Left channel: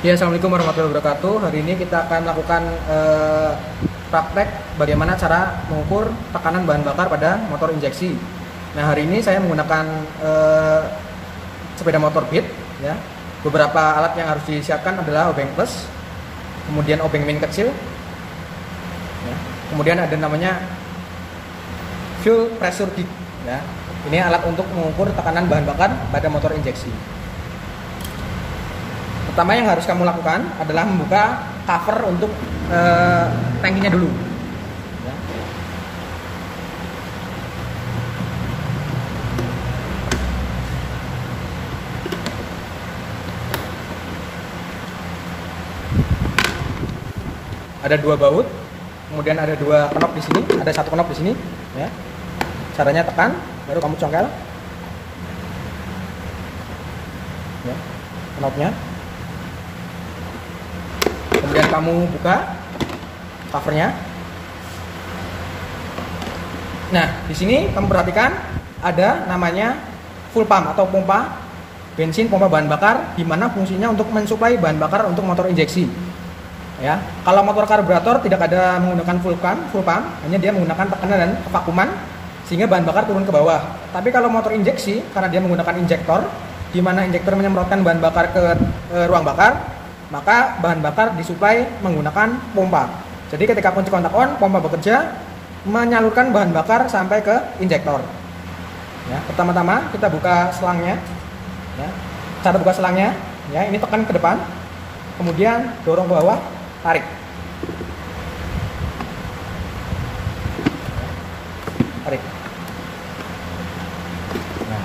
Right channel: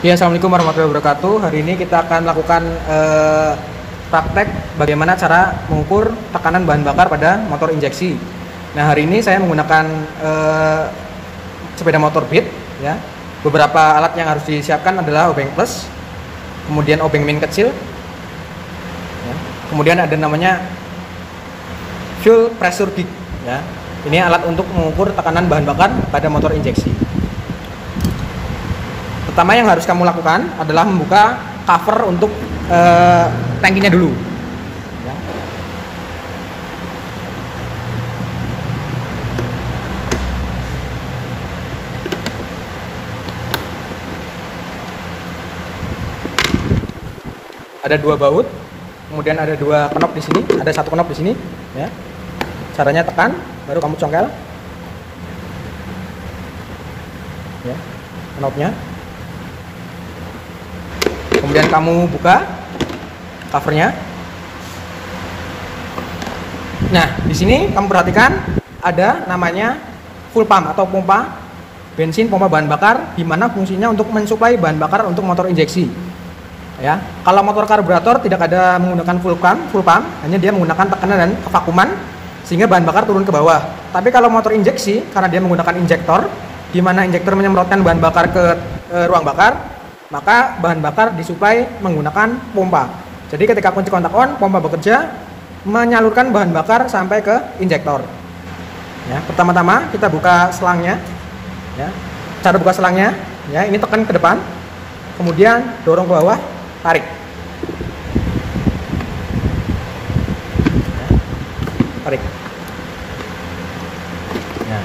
Ya, Assalamualaikum warahmatullahi wabarakatuh. Hari ini kita akan melakukan praktek bagaimana cara mengukur tekanan bahan bakar pada motor injeksi. Nah, hari ini saya menggunakan sepeda motor Beat. Ya. Beberapa alat yang harus disiapkan adalah obeng plus, kemudian obeng min kecil, ya. Kemudian ada namanya fuel pressure gauge. Ya. Ini alat untuk mengukur tekanan bahan bakar pada motor injeksi. Pertama yang harus kamu lakukan adalah membuka cover untuk tangkinya dulu. Ya. Ada dua baut, kemudian ada dua knop di sini, ada satu knop di sini. Ya. Caranya tekan, baru kamu congkel. Ya, knopnya. Kemudian kamu buka covernya. Nah, di sini kamu perhatikan ada namanya full pump atau pompa bensin, pompa bahan bakar, di mana fungsinya untuk mensuplai bahan bakar untuk motor injeksi. Ya, kalau motor karburator tidak ada menggunakan full pump, hanya dia menggunakan tekanan dan kevakuman sehingga bahan bakar turun ke bawah. Tapi kalau motor injeksi, karena dia menggunakan injektor, di mana injektor menyemprotkan bahan bakar ke ruang bakar, maka bahan bakar disuplai menggunakan pompa. Jadi ketika kunci kontak on, pompa bekerja menyalurkan bahan bakar sampai ke injektor. Ya, pertama-tama kita buka selangnya. Ya, cara buka selangnya, ya ini tekan ke depan, kemudian dorong ke bawah, tarik. Ya, tarik. Nah,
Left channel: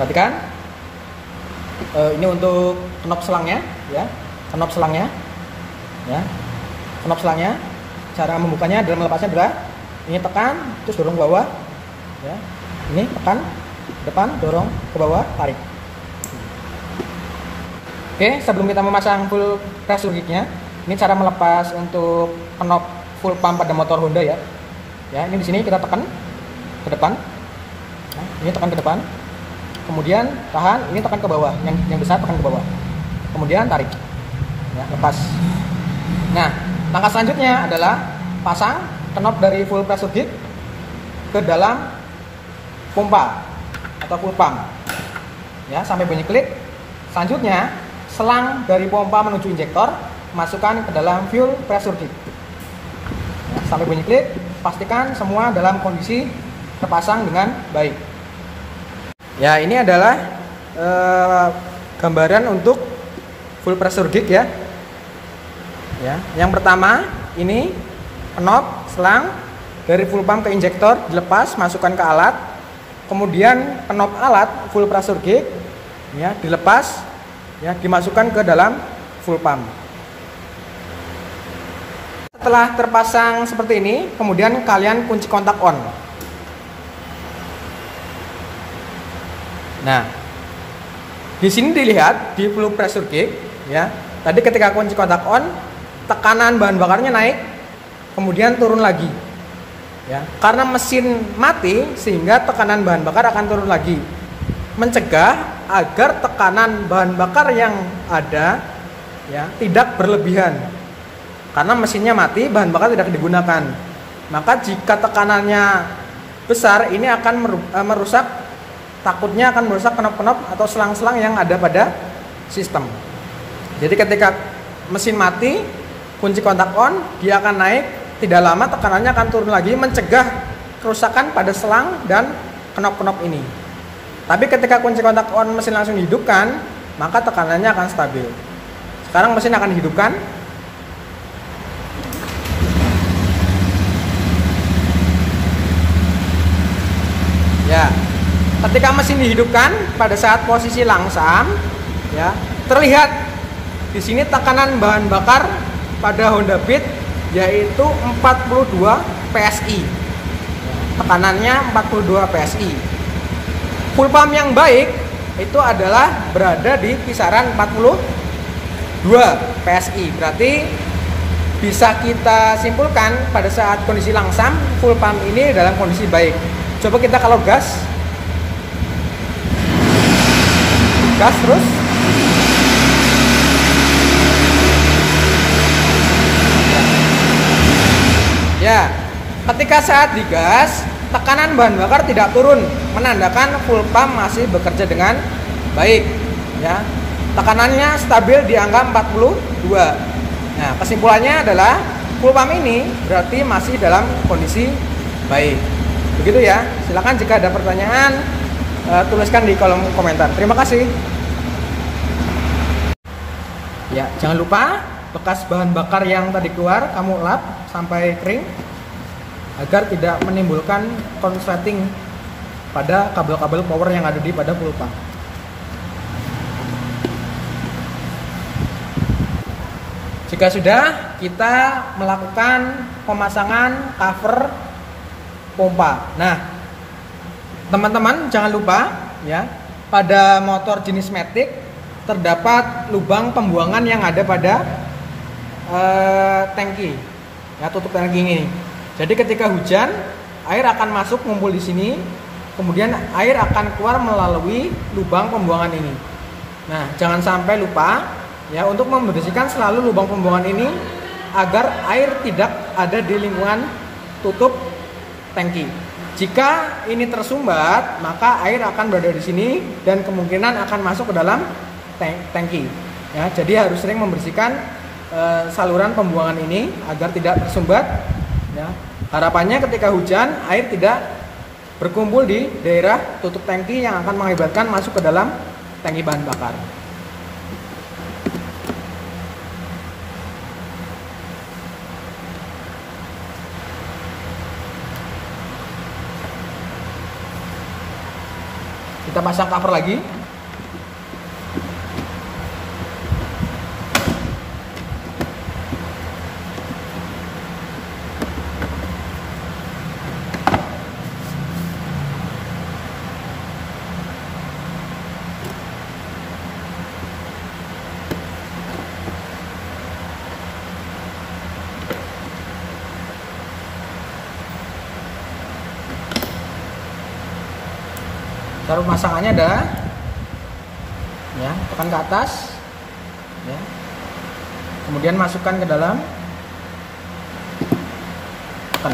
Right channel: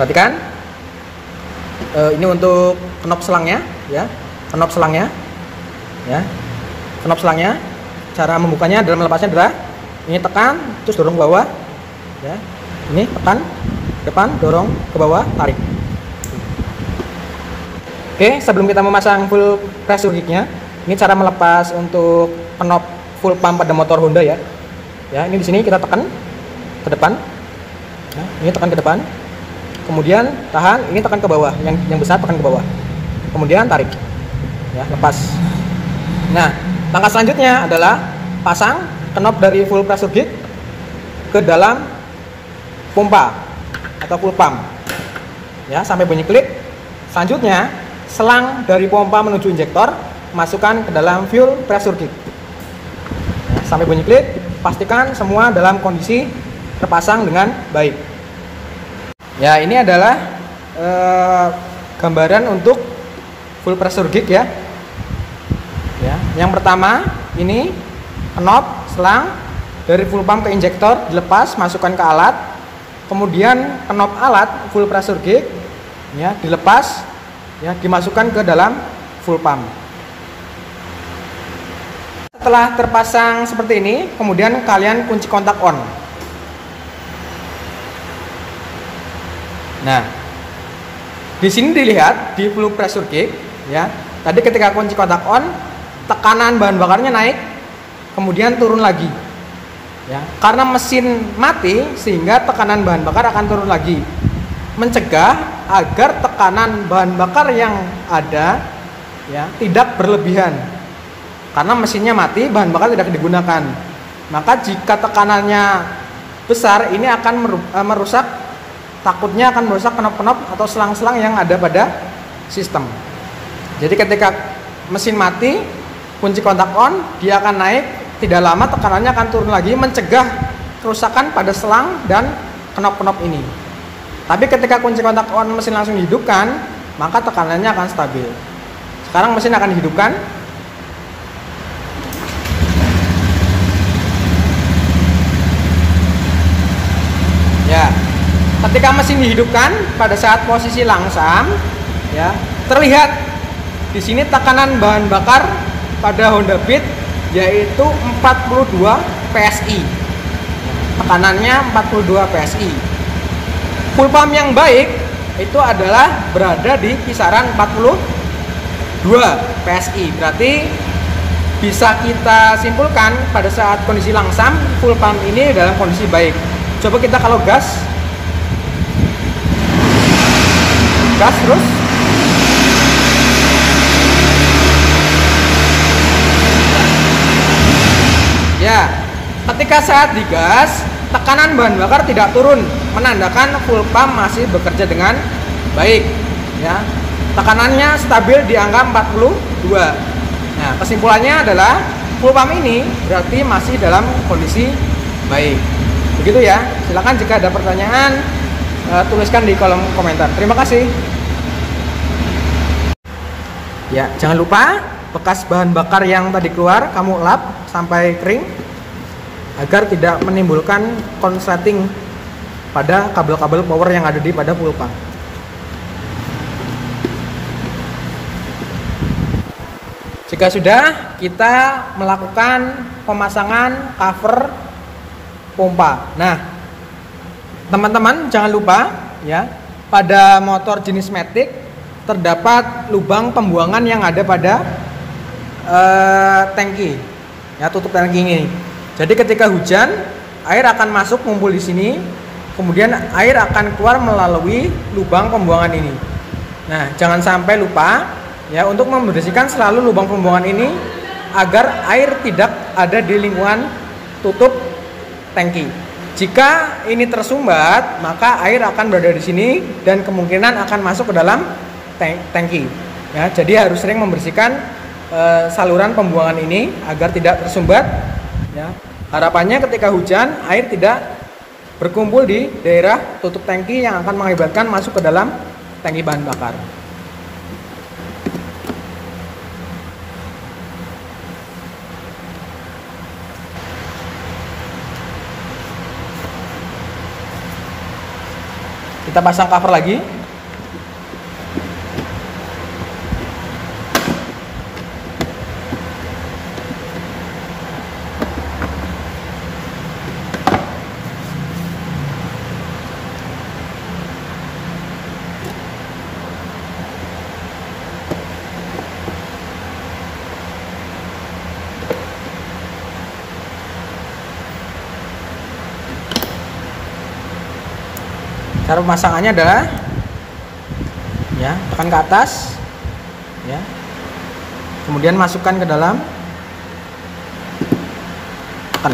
perhatikan. Ini untuk knop selangnya, ya. Knop selangnya, ya, knop selangnya. Cara membukanya dan melepasnya adalah ini tekan, terus dorong ke bawah, ya. Ini tekan depan, dorong ke bawah, tarik. Oke, sebelum kita memasang full pressure gauge-nya, ini cara melepas untuk knop full pump pada motor Honda, ya. Ya, ini di sini kita tekan ke depan, ya, ini tekan ke depan, kemudian tahan, ini tekan ke bawah, yang besar tekan ke bawah, kemudian tarik. Ya, lepas. Nah, langkah selanjutnya adalah pasang knop dari full pressure gauge ke dalam pompa atau full pump. Ya, sampai bunyi klik. Selanjutnya, selang dari pompa menuju injektor masukkan ke dalam fuel pressure gauge. Ya, sampai bunyi klik, pastikan semua dalam kondisi terpasang dengan baik. Ya, ini adalah gambaran untuk full pressure gauge, ya. Ya, yang pertama ini knop selang dari full pump ke injektor dilepas, masukkan ke alat. Kemudian knop alat full pressure gauge, ya, dilepas, ya, dimasukkan ke dalam full pump. Setelah terpasang seperti ini, kemudian kalian kunci kontak on. Nah, di sini dilihat di full pressure gauge, ya. Tadi ketika kunci kontak on, tekanan bahan bakarnya naik, kemudian turun lagi. Ya, karena mesin mati sehingga tekanan bahan bakar akan turun lagi. Mencegah agar tekanan bahan bakar yang ada, ya, tidak berlebihan. Karena mesinnya mati, bahan bakar tidak digunakan. Maka jika tekanannya besar, ini akan merusak, takutnya akan merusak knop-knop atau selang-selang yang ada pada sistem. Jadi ketika mesin mati, kunci kontak on, dia akan naik, tidak lama tekanannya akan turun lagi, mencegah kerusakan pada selang dan knop-knop ini. Tapi ketika kunci kontak on mesin langsung dihidupkan, maka tekanannya akan stabil. Sekarang mesin akan dihidupkan. Ya, ketika mesin dihidupkan pada saat posisi langsam, ya, terlihat di sini tekanan bahan bakar pada Honda Beat yaitu 42 PSI. Tekanannya 42 PSI. Full pump yang baik itu adalah berada di kisaran 42 PSI. Berarti bisa kita simpulkan pada saat kondisi langsam full pump ini dalam kondisi baik. Coba kita kalau gas terus, Ketika saat digas, tekanan bahan bakar tidak turun, menandakan full pump masih bekerja dengan baik. Ya, tekanannya stabil di angka 42. Nah, kesimpulannya adalah full pump ini berarti masih dalam kondisi baik. Begitu ya. Silakan jika ada pertanyaan tuliskan di kolom komentar. Terima kasih. Ya, jangan lupa bekas bahan bakar yang tadi keluar kamu lap sampai kering agar tidak menimbulkan konsleting pada kabel-kabel power yang ada pada full pump. Jika sudah, kita melakukan pemasangan cover pompa. Nah, teman-teman jangan lupa ya, pada motor jenis Matic terdapat lubang pembuangan yang ada pada tangki, ya, tutup tangki ini. Jadi ketika hujan, air akan masuk ngumpul di sini, kemudian air akan keluar melalui lubang pembuangan ini. Nah, jangan sampai lupa ya untuk membersihkan selalu lubang pembuangan ini agar air tidak ada di lingkungan tutup tangki. Jika ini tersumbat, maka air akan berada di sini dan kemungkinan akan masuk ke dalam tangki. Ya, jadi harus sering membersihkan saluran pembuangan ini agar tidak tersumbat. Ya, harapannya ketika hujan air tidak berkumpul di daerah tutup tangki yang akan mengakibatkan masuk ke dalam tangki bahan bakar. Kita pasang cover lagi. Cara pemasangannya adalah ya, tekan ke atas ya. Kemudian masukkan ke dalam, tekan.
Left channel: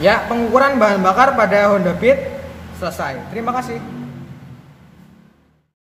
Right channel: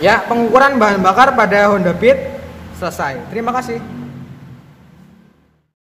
Ya, pengukuran bahan bakar pada Honda Beat selesai. Terima kasih.